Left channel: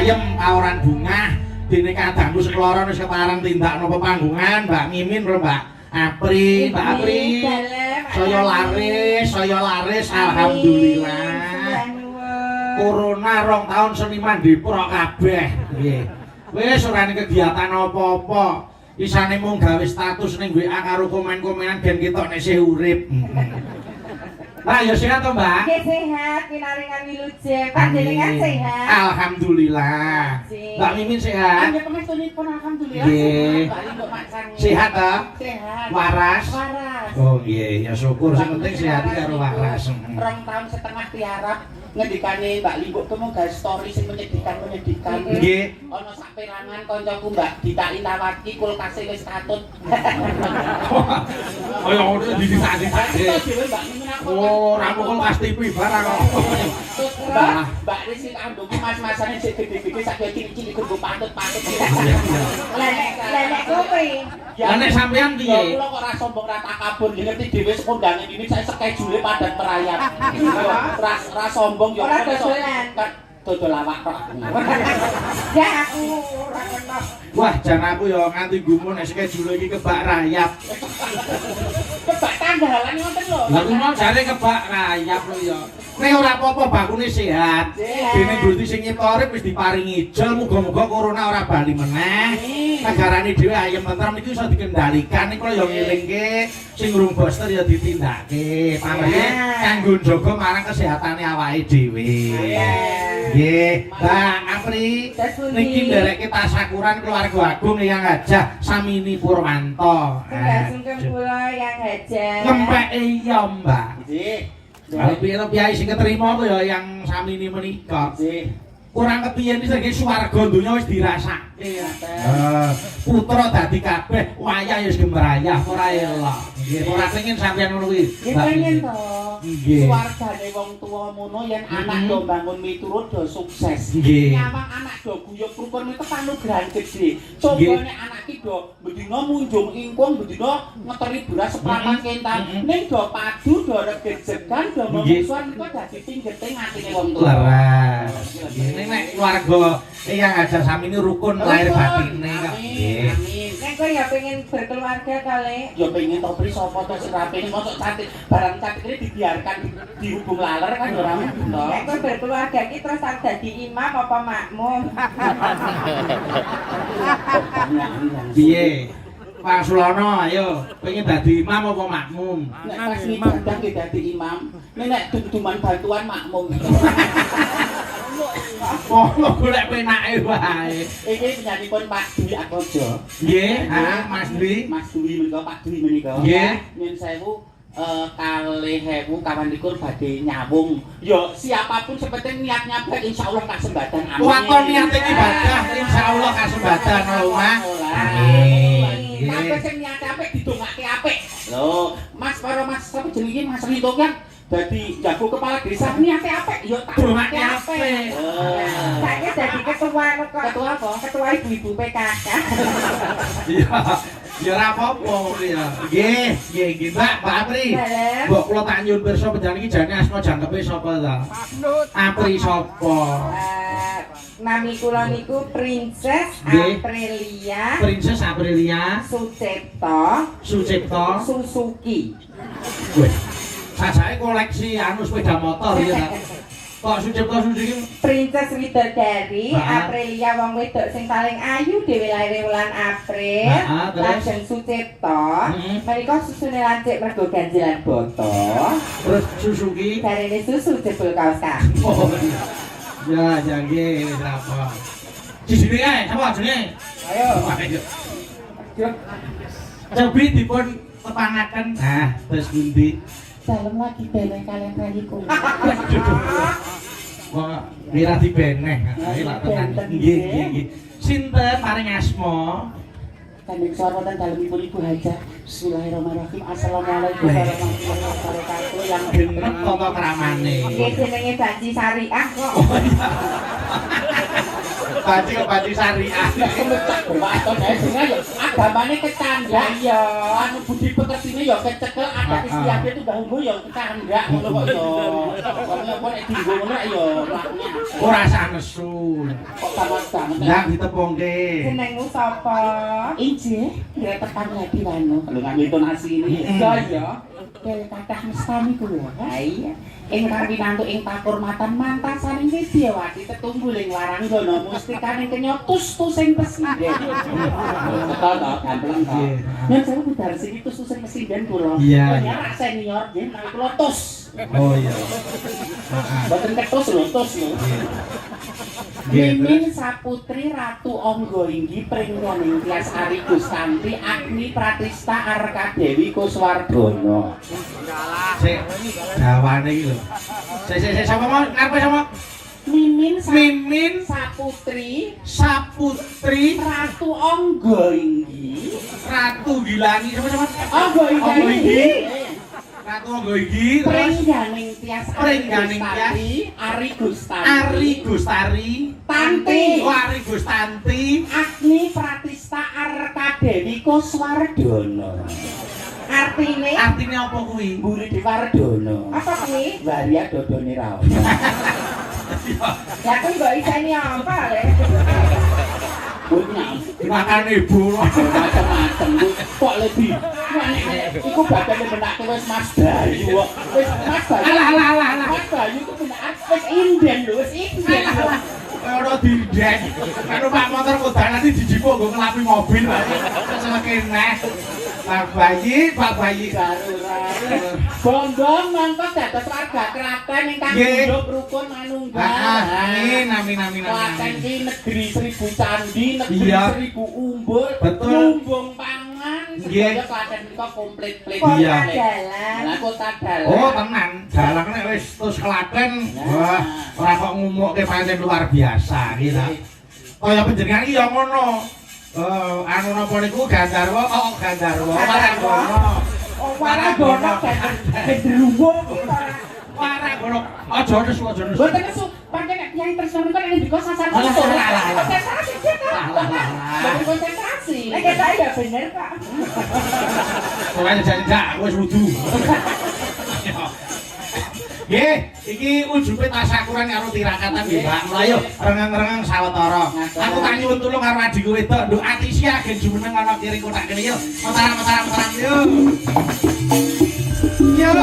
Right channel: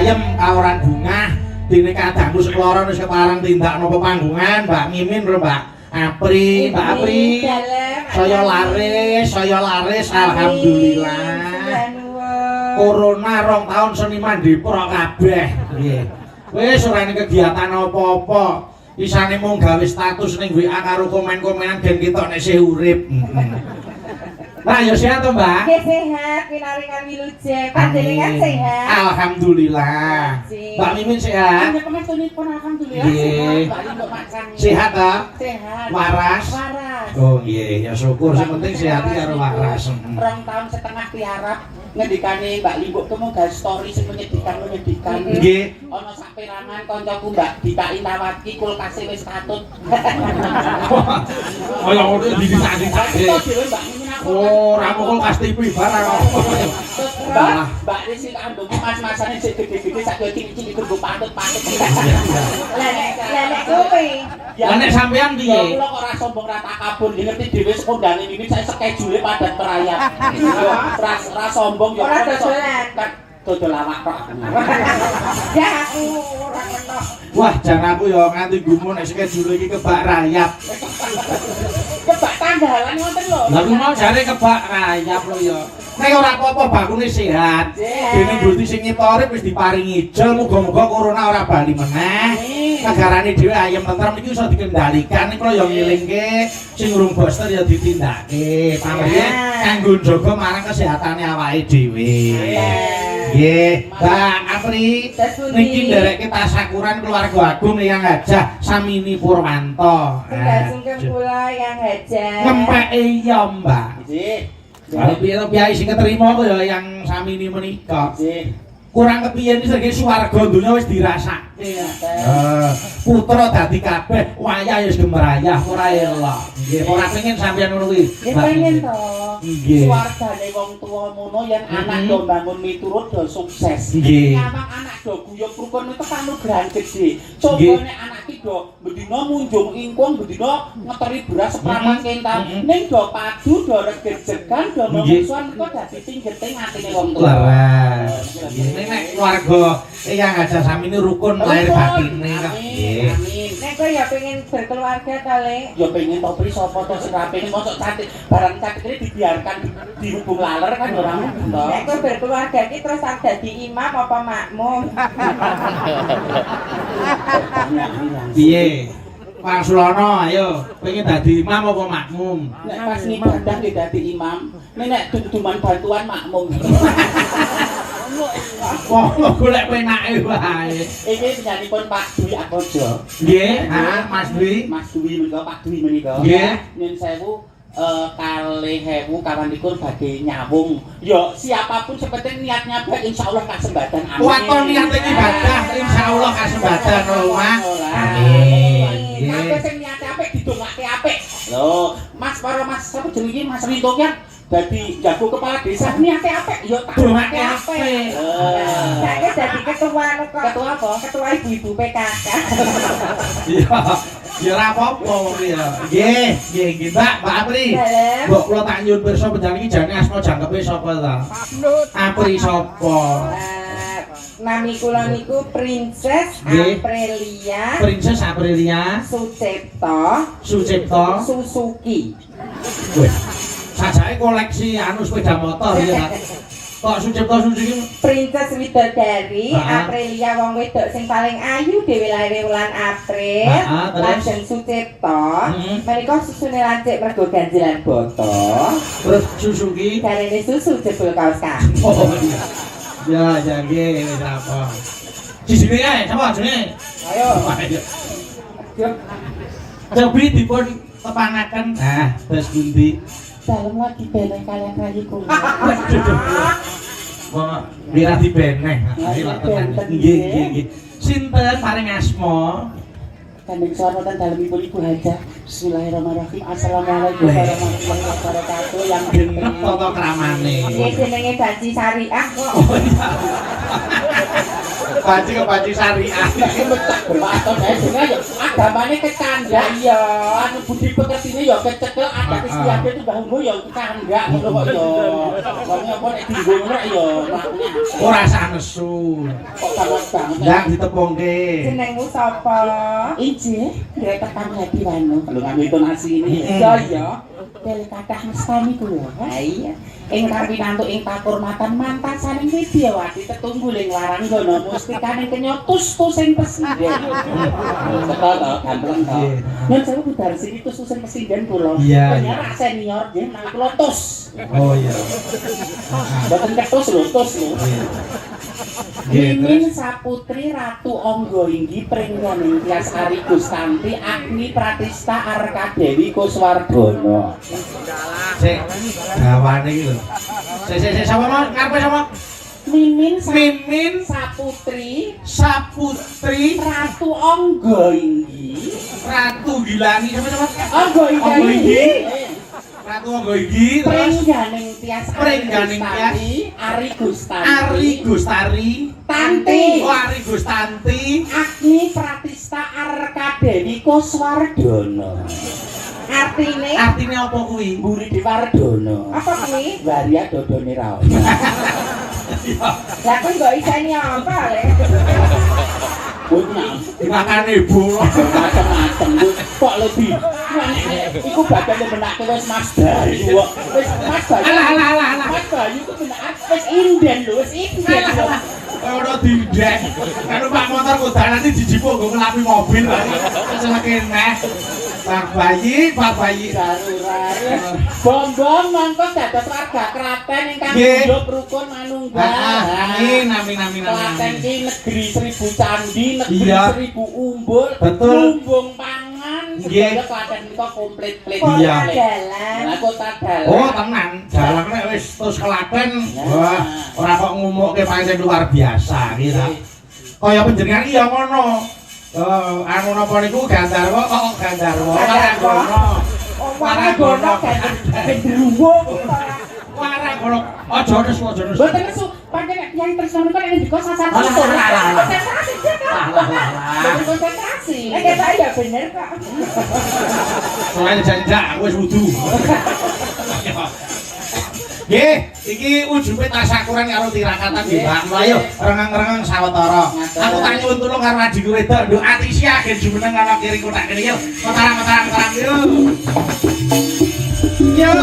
ayem kaoran bungah dene kadangku sekloron wis kepareng tindak napa panggungan Mbak Mimin karo Mbak Apri, Mbak Apri. Saya laris alhamdulillah. Corona 2 tahun seniman diprok kabeh. Nggih. Wis ora ana kegiatan apa-apa. Isane mung gawe status ning WA karo komen-komenan gen ketok nek isih urip. Nah, ya sehat to, Mbak? Nggih sehat, pinaringan wilujeng. Panjenengan sehat. Alhamdulillah. Mbak Mimin sehat? Alhamdulillah. Nggih. Sehat ta? Sehat. Waras? Waras. Oh nggih, ya syukur sing penting sehat karo waras. 2 tahun setengah di Arab ngendikane Mbak Limbuk ku mau gawe story sing menyedihkan. Nggih. Ana sak perangan kancaku Mbak Dita Indawati kulkase wis katut. Kaya ngono didisak-disake. Oh, ra mung kulkas TV barang kok. Mbak Risi ambung mas-masane sing gede-gede sak cilik-cilik nggo patut-patut. Lah nek kowe Lah nek sampean piye? Kula kok ora sombong ra takabur, ngerti dhewe sekondangan ini saya schedule padat merayap. Ora sombong yo ora dodolan. Dodol awak kok. Ya aku ora kenal. Wah, jan aku yo nganti gumun nek schedule iki kebak rayap. Kebak tanggalan ngoten lho. Lah ku mau jare kebak rayap lho yo. Nek ora apa-apa bakune sehat. Dene Gusti sing nyetori wis diparingi ijol, muga-muga corona ora bali meneh. Negarane dhewe ayem tentrem iki iso dikendalikan. Nek kula yo ngilingke sing urung booster ya ditindakake. Pamrih kanggo njaga marang kesehatane awake dhewe. Nggih, Mbak Apri. Niki ndereke tasyakuran keluarga agung yang Hajah Samini Purwanto. Sungkem kula yang Hajah. Ngempeke iya, Mbak. Nggih. Kalau piye sing keterima kok ya yang Samini menika. Kurang kepiye iki sing swarga donya wis dirasake. Putra dadi kabeh, wayah wis gemerayah ora elok. Nggih, ora pengin sampeyan ngono kuwi. Pengen to. Nggih. Swargane wong tuwa mono yen anak do bangun miturut do sukses. Nggih. Anak do guyub rukun itu kanugrahan gede. Coba nek anak iki do bendina munjung ingkung, bendina ngeteri beras seprawan kentar. Ning do padu, do regejegan, do mungsuhan kok dadi tinggeting atine wong tuwa. Leres. Ini nek keluarga yang Hajah Samini rukun lahir batine kok. Nggih. Nek kowe ya pengen berkeluarga kali. Ya pengen to pri sapa to sing rapene mosok cantik barang cantik iki dibiarkan dihubung laler kan ora mungkin to. Nek kowe berkeluarga iki terus tak dadi imam apa makmum. Piye? Pak Sulono, ayo, pengen dadi imam apa makmum? Nek pas ibadah nggih dadi imam, nek duman bantuan makmum. Wah, golek penake wae. Iki penyanipun Pak Dwi Akojo. Nggih, Mas Dwi. Mas Dwi menika Pak Dwi menika. Nggih. Nyun sewu 2000 kawanipun badhe nyawung. Ya siapapun sepenting niatnya baik insyaallah kasembadan. Amin. Waton niat ibadah insyaallah kasembadan rumah. Amin. Kabeh sing niate apik didongake apik. Lho, Mas karo Mas sapa jenenge Mas Winto kan dadi jago kepala desa niate apik ya tak dongake apik. Saiki dadi ketua kok. Ketua apa? Ketua ibu PKK. Iya. Ya ora apa-apa ya. Nggih, Mbak Apri. Mbok kula tak nyuwun pirsa panjenengan iki jane asma jangkepe sapa ta? Apri sapa? Nami kula niku Princess Nggih. Aprilia. Princess Aprilia Sucipto Suzuki. Wih. Sajake koleksi anu sepeda motor ya. Kok Sucipto Suzuki Princess Widodari Aprilia wong wedok sing paling ayu dhewe lair wulan April. Lajeng Sucipto. Menika susune lancik mergo ganjilan boto. Terus Suzuki Jarene susu jebul kaos kaki. Oh iya. Ya jange wis apa. Jisine ae sapa jenenge? Ayo. Cobi dipun tepangaken. Nah, terus pundi? Dalem lagi beneh kalian kaliku. Wong mira dibeneh. Ayo lak tenan. Nggih. Sinten paring asma? Kandeng soro dan dalemipun Ibu Hajah. Bismillahirrahmanirrahim. Assalamualaikum warahmatullahi wabarakatuh. Yang genep tata kramane. Iki jenenge Baji Syariah kok. Oh iya. Baji syariah. Aton ya jenenge agamane bawane kecandak ya. Anu budi pekertine ya kecekel ada istiadat itu bahumu ya kecandak ngono kok ya. Soalnya apa nek dienggo ngono ya ora sanesu. kok gawat banget. Ndang ditepungke. Jenengmu sapa? Injih, kereta kami Hadi Wano. Kalau ngambil donasi ini. Ya ya. Kali kathah mestani kuwi. Ha iya. Ing rampinantu ing pakurmatan mantan saning Widyawati tetunggu ling larang gono mustikane kenyotus sing presiden. Sekal to, ganteng to. Yen saya budal sing tus sing presiden kula. Iya. Ternyata senior nggih nang kula tus. Oh iya. Boten ketus lho, tus lho. Mimin Saputri Ratu Anggainggi Pringganing Tias Ari Gustanti Agni Pratista Arkadewi Kuswardono. Sik gawane iki lho. Sik sapa mau karepe sapa? Mimin Saputri Ratu Anggainggi Ratu Gilani sama-sama. Anggainggi Ratu Anggainggi terus Pringganing Tias Ari Gustari Tanti. Oh, Ari Gustanti. Agni Pratista Arkadewi Kuswardono. Artine Artinya apa kuwi? Mburi Dewardono. apa kuwi? Waria dodone ra. Ya kan gak iseni apa le. Punya Dimakan ibu. macam-macam kok lebih. Iku bakal benake wis Mas Bayu. Wis Mas Bayu. Alah. Mas Bayu ku benak wis inden lho, wis inden. Ora dindek. Kan Pak motor kuda nanti dijipuk nggo ngelapi mobil wae. Wis kene. Pak Bayi. Bom-bom mangko dados warga kraten ingkang Nggih. hidup rukun manunggal. Amin. Klaten iki negeri 1000 candi, negeri Iya. 1000 umbul, Betul. lumbung pangan, Nggih. sedaya Klaten menika komplit-plit. Iya. Dalan. Nah, kota dalan. Oh, tenan. Dalang nek wis terus Klaten, wah, ora kok ngumukke pancen luar biasa kita. Kaya panjenengan iki ya ngono. Anu napa niku Gandarwa kok Gandarwa Waragono. Waragono Gendruwo. Waragono. Aja nes. Boten nesu, pancen nek tiyang tresno kan ini juga sasar Alah. konsentrasi. Boten konsentrasi. Nek kita ya bener Kak. Soale janjak wis wudu. Nggih, iki ujube tasakuran karo tirakatan nggih, Pak. Mlayu rengeng-rengeng sawetara. Aku tak nyuwun tulung karo adikku wedok, nduk Atisia gen jumeneng ana kiri kotak kene yo. Mataram yo. Yo.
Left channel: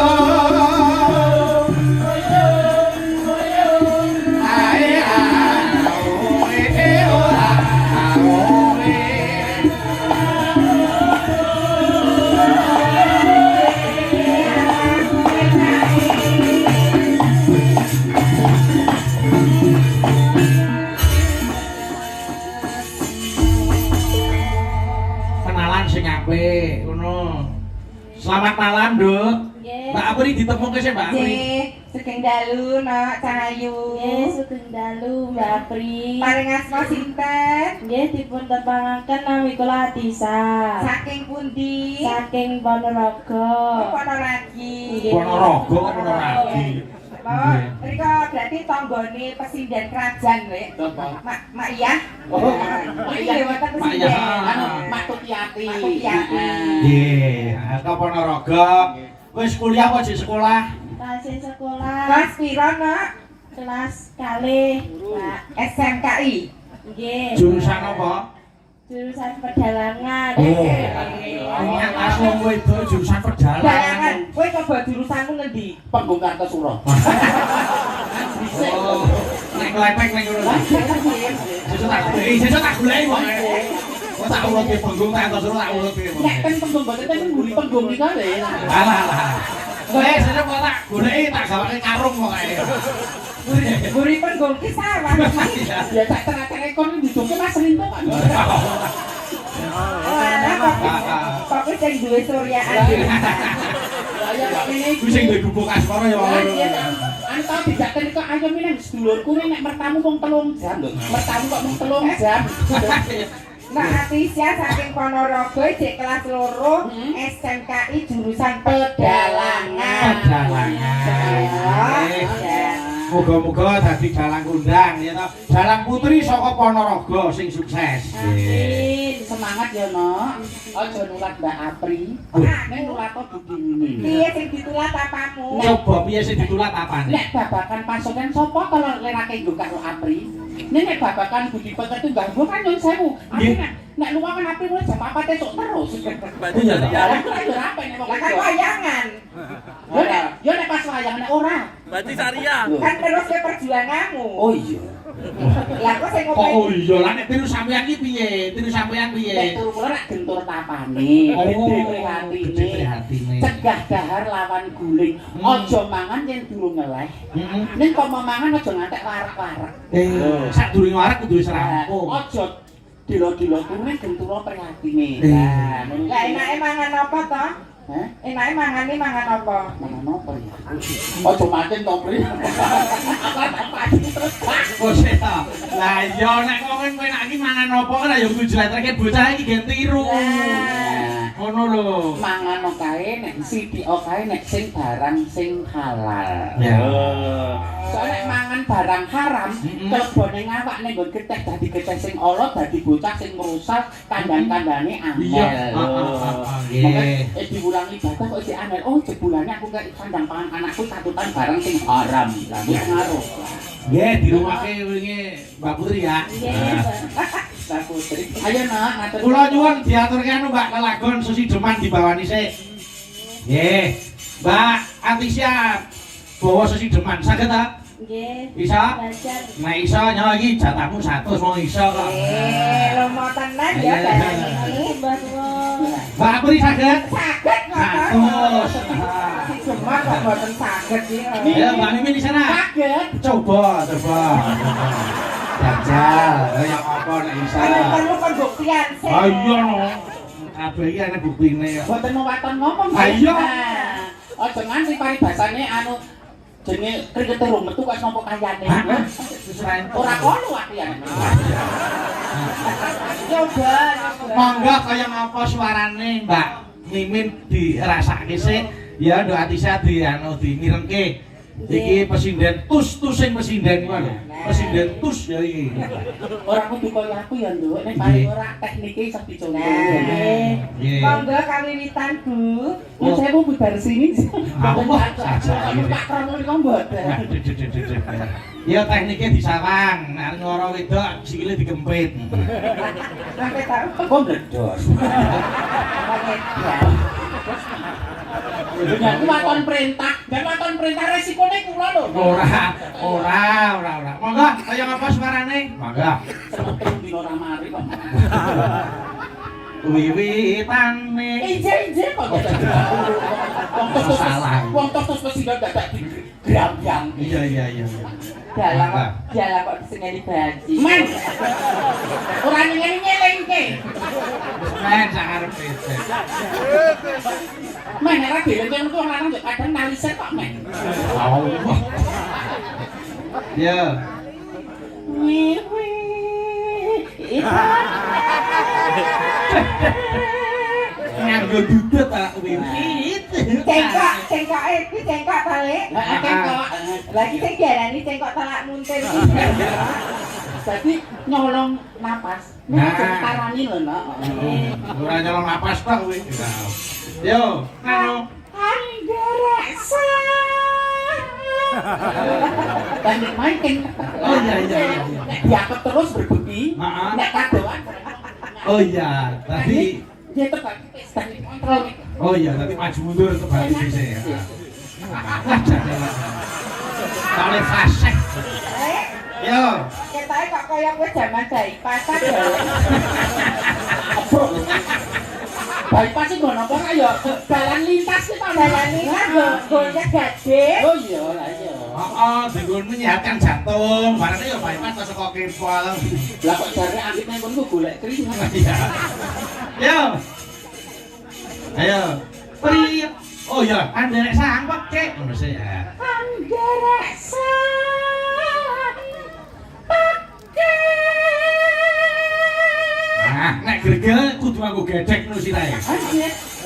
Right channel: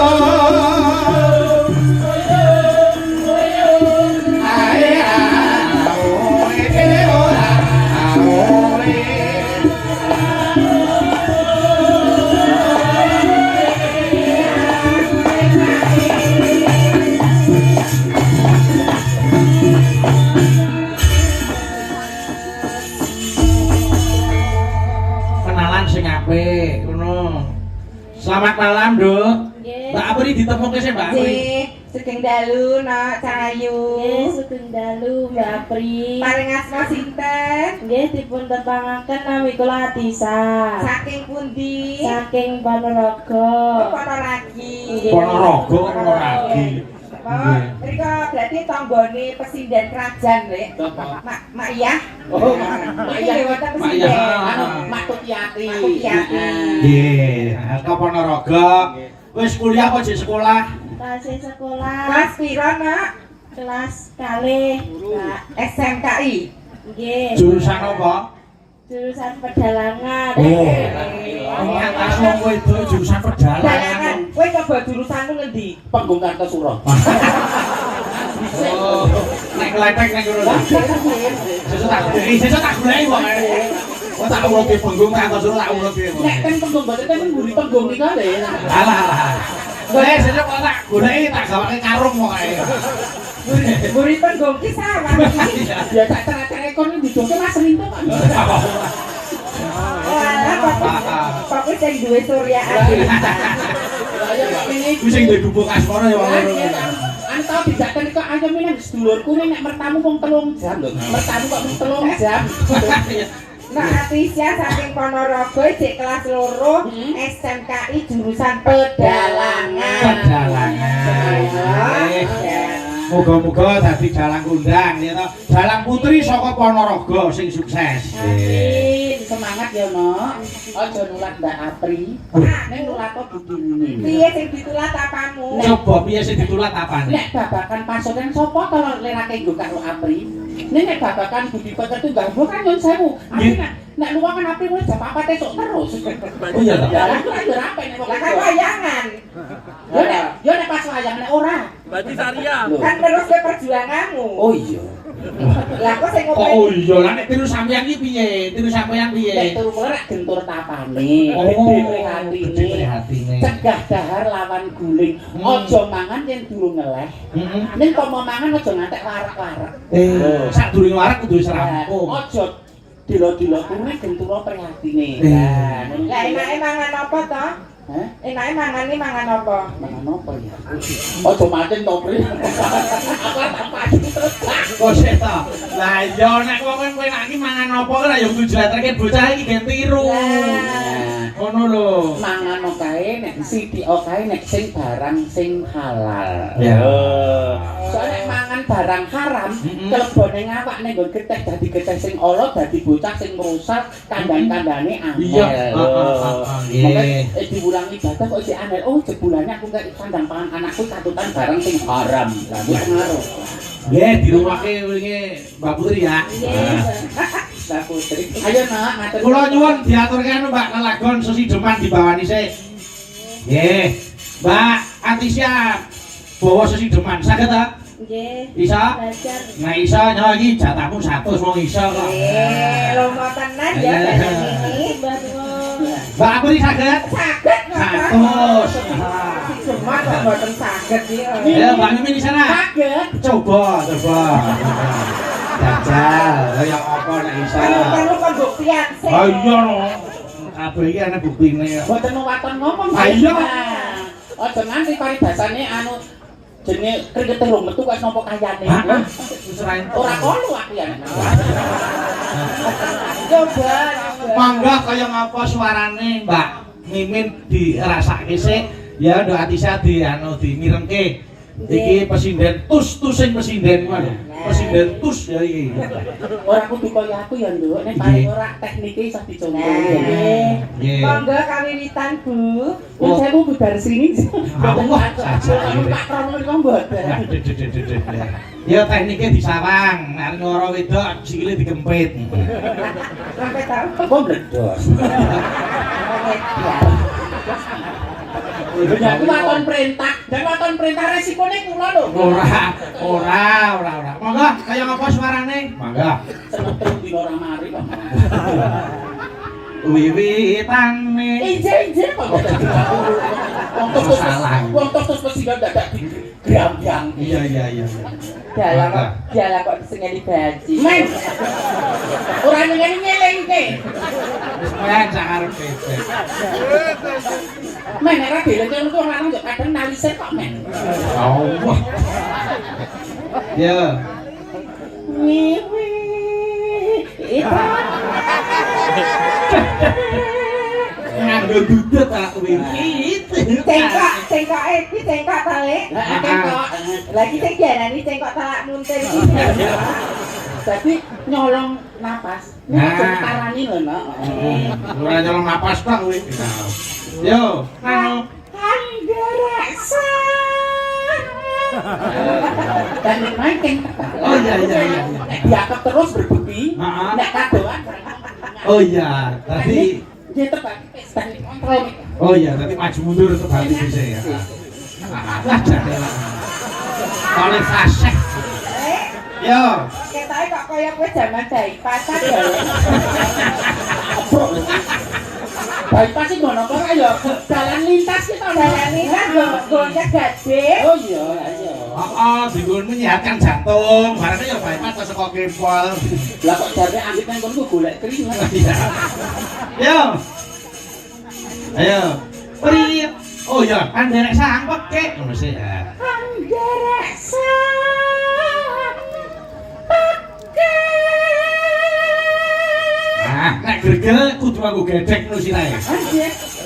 Ae kenalan sing apik ngono. Selamat malam, Nduk. Mbak Apri ditemuke sih, Mbak Apri. Nggih, sugeng dalu nak Cahayu. Nggih, sugeng dalu Mbak Pri. Paring asma sinten? Nggih dipun tepangaken nami kula Atisa. Saking pundi? Saking Ponorogo. Apa lagi? Nggih. Ponorogo kok ono lagi. Oh, mriko berarti tanggane pesindan kerajaan, Lek. Mak iya. Oh, Iki lewatan Mak iya. pesindan. Mak Tukiati. Tukiati. Nggih, ke Ponorogo. Wis kuliah apa sih sekolah? Kelas sekolah Kelas piro, Nak? kelas kalih. Mbak. SMKI. Nggih. Jurusan apa? Jurusan pedalangan. Oh. Ini atas wong wedok jurusan Dalangan. perjalanan. Kowe coba jurusanmu ngendi? Panggung Kartosuro. Oh, nek kletek nek ngono. Sesuk tak goleki wae. Kok tak urut di panggung tak antos tak urut di Nek kan panggung boten kan mburi panggung nika lho. Alah. Sesuk kok tak goleki tak gawake karung pokoke. Guripun gongki sawah. Ya tak cara-cara kon didongke Mas Rinto Pak. Kok sing duwe suryaan. Ku sing duwe gubuk asmara ya wong loro. Anto dijaken kok ayo milih sedulurku nek mertamu mung 3 jam lho. Mertamu kok mung 3 jam. Nah, Atisia saking Ponorogo cek kelas loro SMKI jurusan pedalangan. Moga-moga dadi dalang kondang ya to. Dalang putri saka Ponorogo sing sukses. Amin. Semangat ya, Nok. Aja nulat Mbak Apri. Ning nulat kok begini. Piye sing ditulat apamu? Coba piye sing ditulat apane? Nek babakan pasukan sapa to lerake nggo karo Apri? Nek babakan budi peketu ganggu kan nyun sewu. Nek luwangan Apri mulai jam 4 esuk terus. Oh iya ta. Lah kan wayangan. Yo nek pas wayang nek ora. Berarti Saria. Kan terus ke perjuanganmu. Oh iya. Lah kok sing Kok oh iya lah nek tiru sampeyan iki piye? Tiru sampeyan Nek piye? turu ora gentur tapane. Gede prihatine. Cegah dahar lawan guling. Aja mangan yen durung ngeleh. Heeh. Ning kok mau mangan aja ngantek larak-larak. Sadurunge warak kudu wis rampung. Aja dilo-dilo kuwi gentura prihatine. Lah enake mangan apa to? Hah? Enake mangane mangan apa? Mangan apa ya? Aja mancing to, Pri. Kok sik to? Lah iya nek kok kowe enak iki mangan apa kan ya kudu jletreke bocah iki gen tiru. Ngono lho. Mangan kae nek sithik kae nek sing barang sing halal. Ya. Soale nek mangan barang haram, kelebone ngawak ning nggon getih dadi getih sing ala dadi bocah sing merusak kandang-kandane angel. Iya. Nggih. Diulangi ibadah kok sik angel. Oh, jebulane aku gak kandang pangan anakku tatutan barang sing haram. Lah wis ngaruh. Nggih, dirumahke wingi Mbak Putri ya. Mbak Putri. Ayo, Nak, ngatur. Kula nyuwun diaturke anu Mbak lelagon Susi Deman dibawani sik. Nggih. Mbak Atisya bawa Susi Deman saged ta? Nggih. Bisa? Belajar. Nek iso nyawa iki jatahmu 100 wong iso kok. Lomo tenan ya Iya. Dani. Mbak Pur. Mbak Putri saged? Saged 100. Cuma kok mboten saged iki. Ya Mbak Mimin di sana. Kaget. Coba. Jajal, kaya apa nek iso. Perlu pembuktian sih. Oh iya no. Kabeh iki ana buktine. Boten waton ngomong. Ayo. Aja nganti paribasane anu jenenge krikete rumetu kok nopo kayane. Wis ora entuk. Ora kono aku ya. Coba. Mangga kaya ngapa suarane Mbak Mimin dirasake sik. Ya nduk Atisya di anu dimirengke. Iki pesinden tus sing pesinden ku lho. Pesinden tus ya iki. Ora kudu kaya aku ya, Nduk. Nek paling ora teknike iso dicontoh. Nggih. Monggo kawiwitan Bu. Yang saya mau budar sini. Allah saja. Tak krono kok mboten. Ya tekniknya disawang, nek ngoro wedok sikile digempit. Sampai tahu. Kok bledor. Ya waton perintah, dan waton perintah resikone kula lho. Ora. Monggo kaya ngapa suarane? Monggo. Semetu dina ora mari kok. Wiwitane. Inje kok. Salah. Wong terus mesti dadak gram-gram. Iya. Dalam kok disengeni baji. Men. Ora nyelengke. Men jangan pesek. Men ora dhewe untuk orang lanang yo kadang nalise kok men. Allah. Ya. Wiwi. Nganggo dudut tak wiwit. Cengkok iki cengkok tale. Lagi sing diarani cengkok talak muntir iki. Jadi nyolong napas. Nah. Tarani lho, Nak. Ora nyolong napas tok kowe. Yo, anu. Anggerasa. Dan main Oh iya. diangkat terus berbeki. Heeh. Nek kadoan. Oh iya, tapi Dia terbagi pesta kontrol. oh iya, nanti maju mundur kembali bisa ya. Kalau fasih. Yo. Ketae kok koyo kowe jaman Jaipasan lho. Baik pasti ngono kok ya jalan lintas ki to Dalan iki gonnya gede. Oh iya, iya. Oh, digun menyehatkan jantung. Barangnya ya bypass ke saka kempol. Lah kok jare ambit nang kono golek krim. Iya. Yo. Ayo. Pri. Oh iya, kan derek sangkep kek. Ngono sih ya. Anggerasa. Nah, nek gregel kudu aku gedhek ngono sirahe.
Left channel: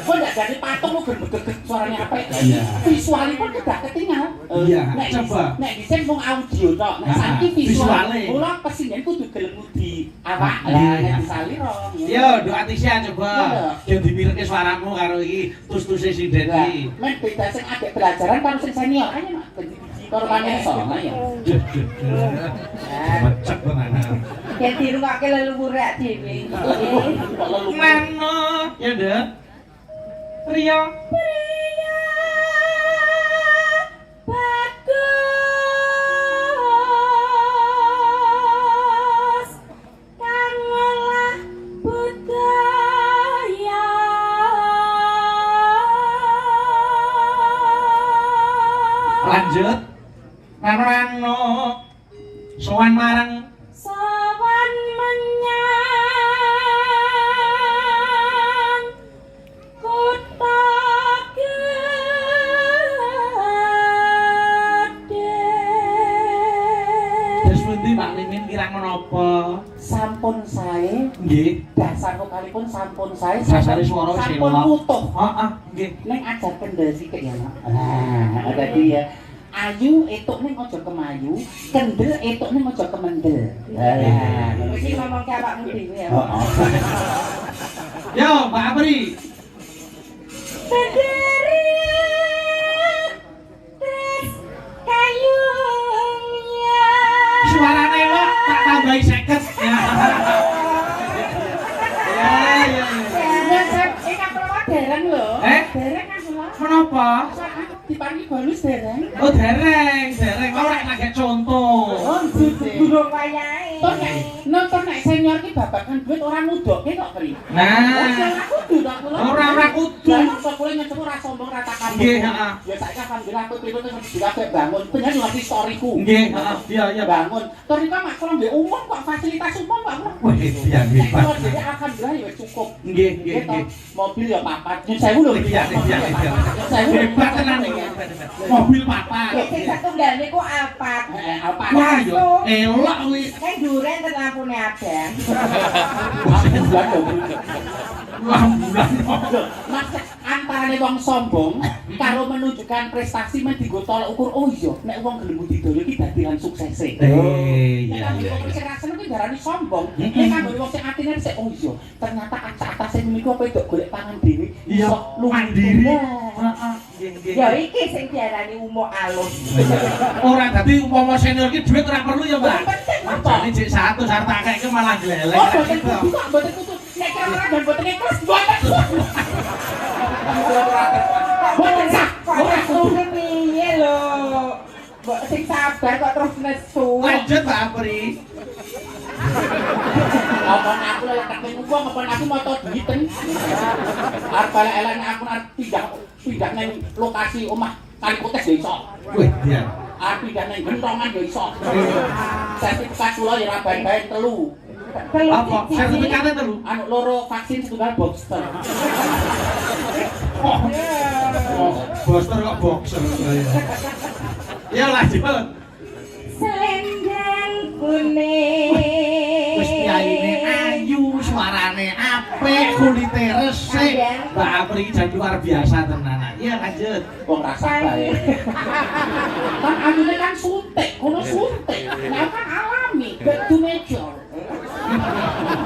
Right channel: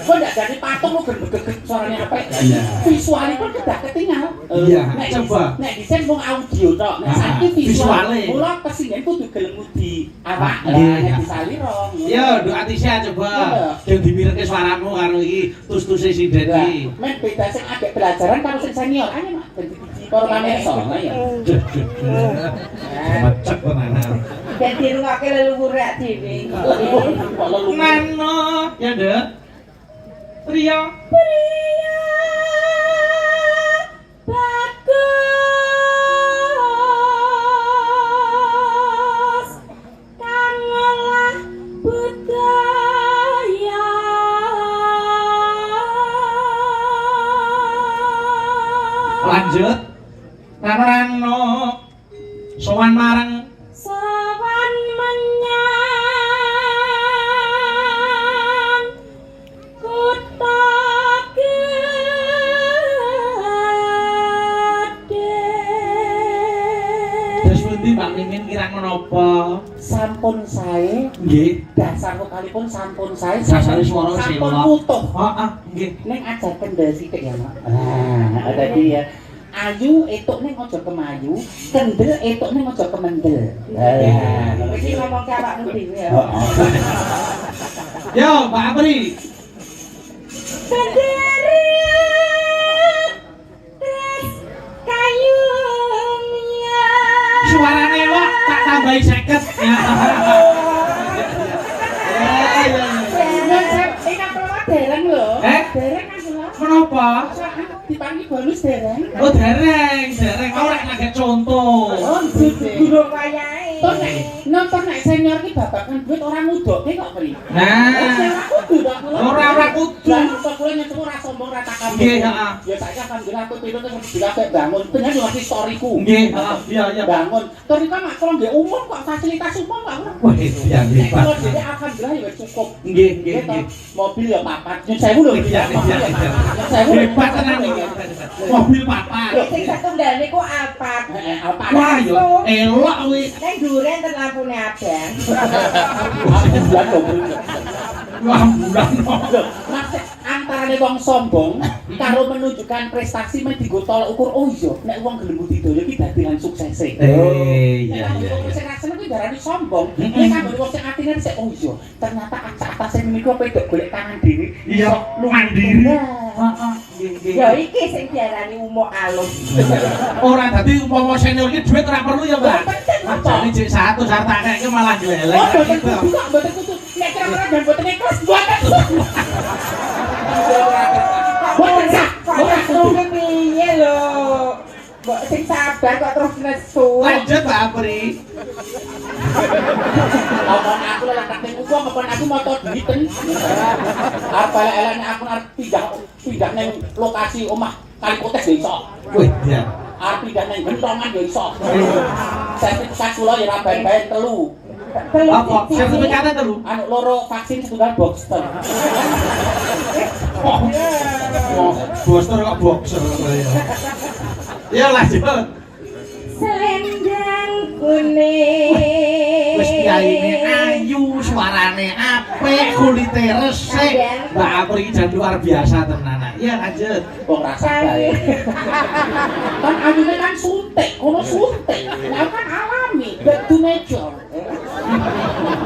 Kok ndak jadi patung kok gegeg suaranya apa? Iya. Visualnya pun tidak ketinggal. Iya, Nek coba. Nek disen wong audio tok, nek saiki Visuale. Mula presiden kudu gelem di awak Iya. nek disaliro. Yo, doa Atisya coba. Ben dipirke suaramu karo iki tus-tuse sinden iki. Men beda sing agak belajaran karo sing senior aja mak dadi biji korban iso ya. Macet tenan. Ben dirungake leluhur dhewe. Mano, ya Nduk. Priya. Bagus kang ngolah budaya. Lanjut. Rano-rano. Sowan marang Sowan menyang kutha gedhe. Terus pundi Mbak Mimin kirang menapa? Sampun sae, Nggih. dasar vokalipun sampun sae. Dasare swara wis sampun elok. utuh. Heeh, nggih. Ning aja kendel sithik ya, Mak. Nah, dadi ya ayu etuk ning aja kemayu, kendel etuk ning aja kemendel. Iki ngomong ke awakmu dhewe ya. Yo, Mbak Apri. Benderi tres kayunya. Suarane elok, tak tambahi 50. Ya. Nek sak prowa dereng lho. Eh? Dereng aku lho. Menapa? Dipangi bonus dereng. Oh, dereng. Ora lagi contoh. Oh, gitu. Durung wayahe. Toh nek nonton nek senior ki babakan duit ora mudoke kok pri. Nah, ora kudu. Kok kowe nyetemu ora sombong ora takabur. Nggih, heeh. Ya saiki alhamdulillah aku tiru ning dikake bangun. Bener ngerti storyku. Nggih, heeh. Iya. Bangun. Torika mak kalau nggih umum kok fasilitas umum kok ora. Wah, iya hebat. Kalau jadi alhamdulillah ya cukup. Nggih. Mobil ya papat. Nyun sewu lho. Iya. Sewu. Hebat tenan iki. Mobil papat. Sing satunggal niku Alphard. Apa? Wah, yo elok kuwi. Ning dhuwure enten lampune abang. Wah, bulan. Mas antara wong sombong karo menunjukkan prestasi men dienggo tolak ukur oh iya nek wong gelem budidaya iki dadian suksese. Iya. Sing rasane ki darani sombong. Nek kanggo wong sing atine sik oh iya ternyata acak-acase niku apa itu golek tangan dhewe. Iya, mandiri. Heeh. Ya iki sing diarani umuk alus. Ora dadi umpama senior ki dhuwit ora perlu ya, Mbak. Jane cek 100 hartake malah gleleng. Oh, mboten kudu. Nek kira-kira ben mboten ikhlas mboten. Mboten sah. Ora kudu piye lho. Mbok sing sabar kok terus nesu. Lanjut, Mbak Apri. Ngomong aku lek ning upo ngomong aku moto duiten. Apa elek aku arep pindah ning lokasi omah kali potes ya iso. Wih, iya. Arep pindah ning gentongan ya iso. Sertifikat kula ya ora bae-bae 3. Apa? Sertifikatnya telu. Anu loro vaksin setunggal booster. Booster kok boxer ya. Ya lanjut. Selendang kuning. Wis piyaine ayu, suarane apik, kulite resik. Mbak Apri jan luar biasa tenan. Ya lanjut. Wong rasa bae. Kan anune kan suntik, kono suntik. Nek kan alami, back to nature.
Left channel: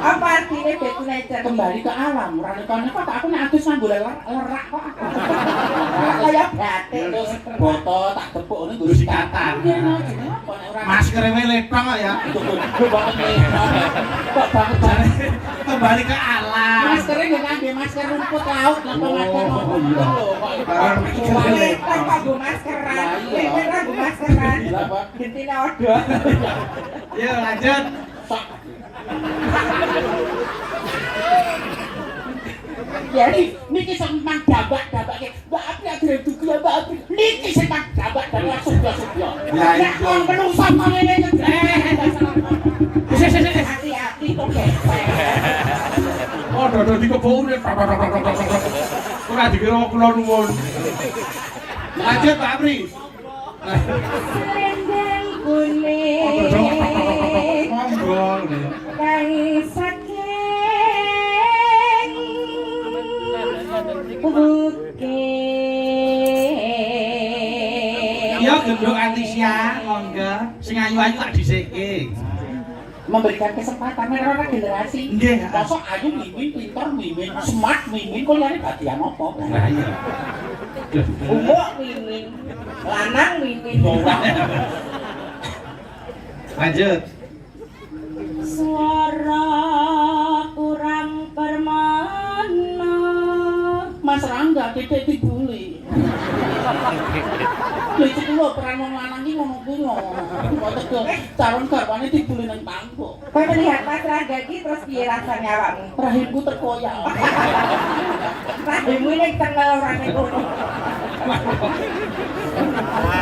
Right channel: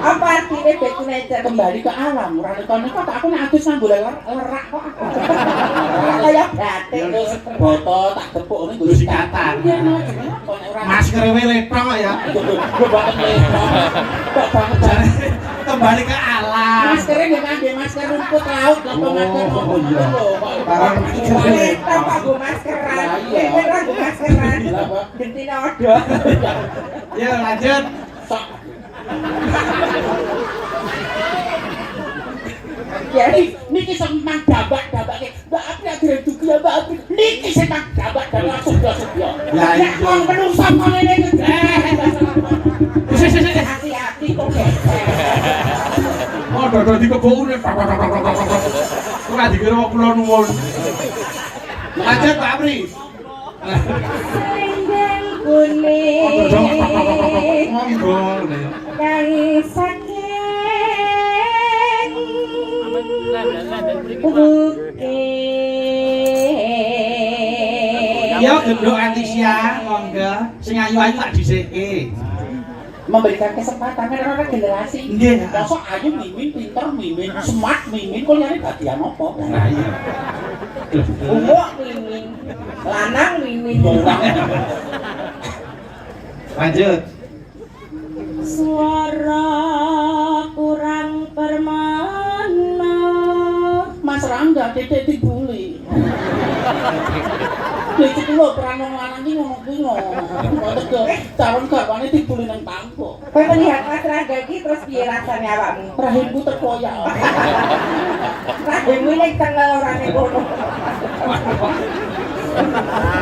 Apa artinya back to nature? Kembali ke alam. Ora kono kok aku nek adus nganggo lerak kok aku. Kaya batik. Terus boto tak tepuk ngene Nggo sikatan. Masker letok ya. Kembali ke alam. Maskernya nggak ngangge masker rumput laut, nggak masker Oh iya. Barang Kita nganggo maskeran. Kita nganggo maskeran. Gentine odo. Ya lanjut. Jadi niki semang dabak-dabak Mbak Apri akhirnya dugi ya Mbak Apri. Niki semang dabak-dabak sebelah-sebelah. Ya iya. Wong menungsa ngene iki. Hati-hati kok. Oh, dodo dikebuk urip. Ora dikira kula nuwun. Lanjut Pak Apri. Selendang Oh, dodo kuning. monggo. Kang saking Oke. Ya genduk Antisya, monggo. Sing ayu-ayu tak dhisike. Memberikan kesempatan karena regenerasi. Nggih. Mosok ayu mimin, pinter mimin, smart mimin, kok liyane bagian apa? Lah iya. Ungu mimin. Lanang mimin. Lanjut. Suara kurang permana. Mas Rangga dedek dibully. Lha iki lho peran wong lanang iki ngono kuwi lho. Kok calon garwane dibully nang pangko. Kowe melihat Mas Rangga iki terus piye rasane awakmu? Rahimku terkoyak. Rahimmu ning tengah orane kono.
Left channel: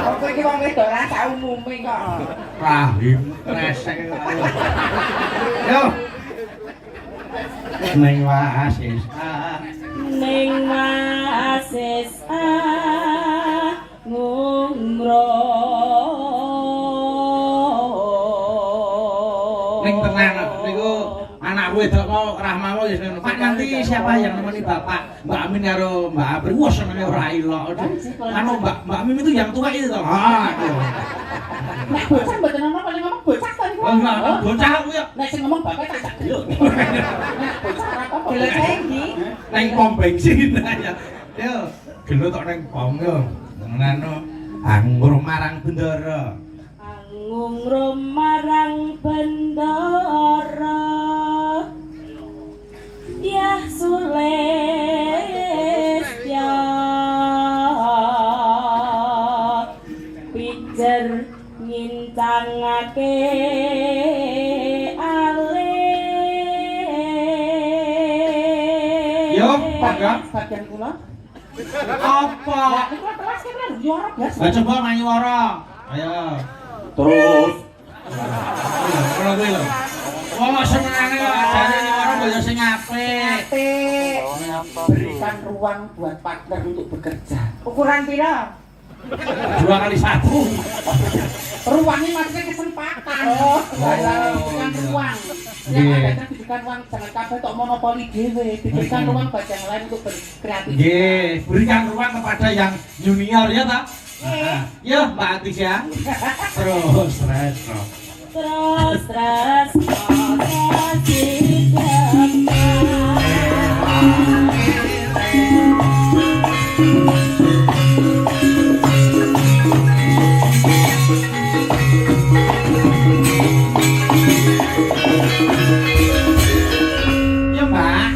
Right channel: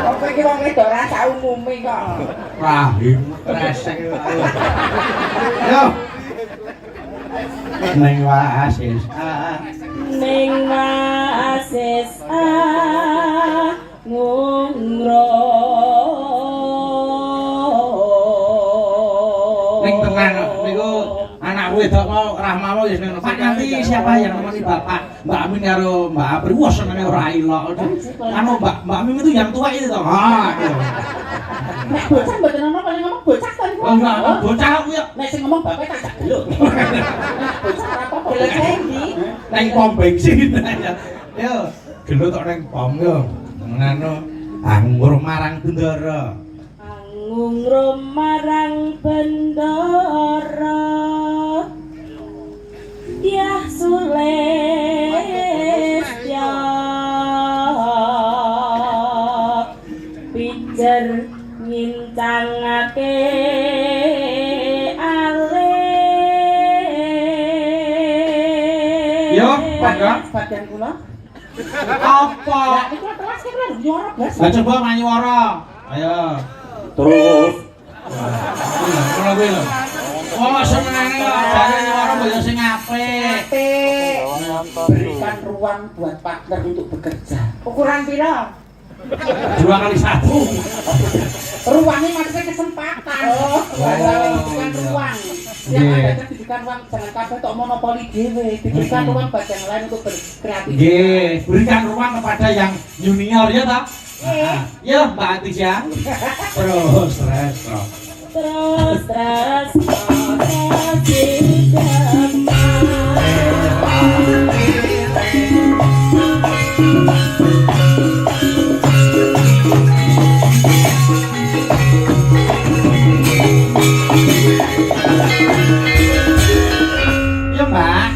Opo iki wong wedok ora sak umume kok. Rahim kresek. Yo. Neng wasis. Ning wasis ngungro. Ning tenang niku anak wedok mau Rahma mau ya ngono. Pak Yanti siapa yang nemeni Bapak? Mbak Amin karo Mbak Apri. Wah senenge ora ilok. Anu Mbak Amin itu yang tua itu toh. Ha. Nek bocah mboten ono paling ngomong bocah tadi. Oh enggak, bocah aku ya. Nek sing ngomong bapak tak jak geluk. Nek bocah ora apa-apa. Gelek endi? Neng pom bensin aja. Yo, gendut tok neng pom yo. Ngono anggur marang bendara. Ngungro marang bendara. Ya sules ya pijer ngincangake ale. Yo, Pak. Bagian kula. Apa? Lah iki kelas ki kan juara biasa. Lah coba manyuwara. Ayo. Terus Kula kuwi lho. Wong senengane kok ajane nyuwara mbok yo sing apik. Apik. berikan ruang buat partner untuk bekerja. Ukuran pira? 2 kali 1. Ruangnya maksudnya kesempatan. Oh, Diberikan ruang. Yang ada kan diberikan ruang, jangan kabeh tok monopoli dhewe. Diberikan ruang buat yang lain untuk berkreatif. Nggih, berikan ruang kepada yang junior ya ta? Ya, Mbak Atis ya. Terus. Terus Ya, Mbak.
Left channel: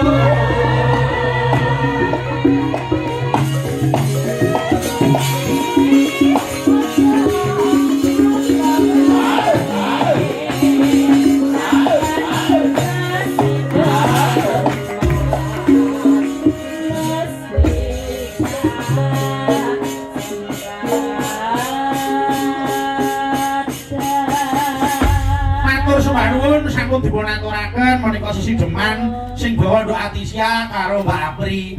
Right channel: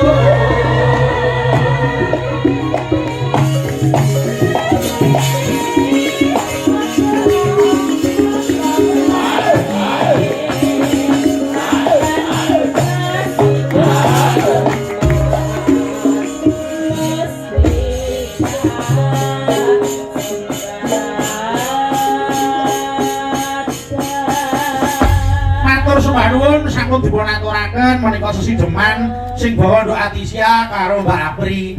Matur sembah nuwun sampun dipun aturaken menika sesideman sing bawa nduk Atisya karo Mbak Apri.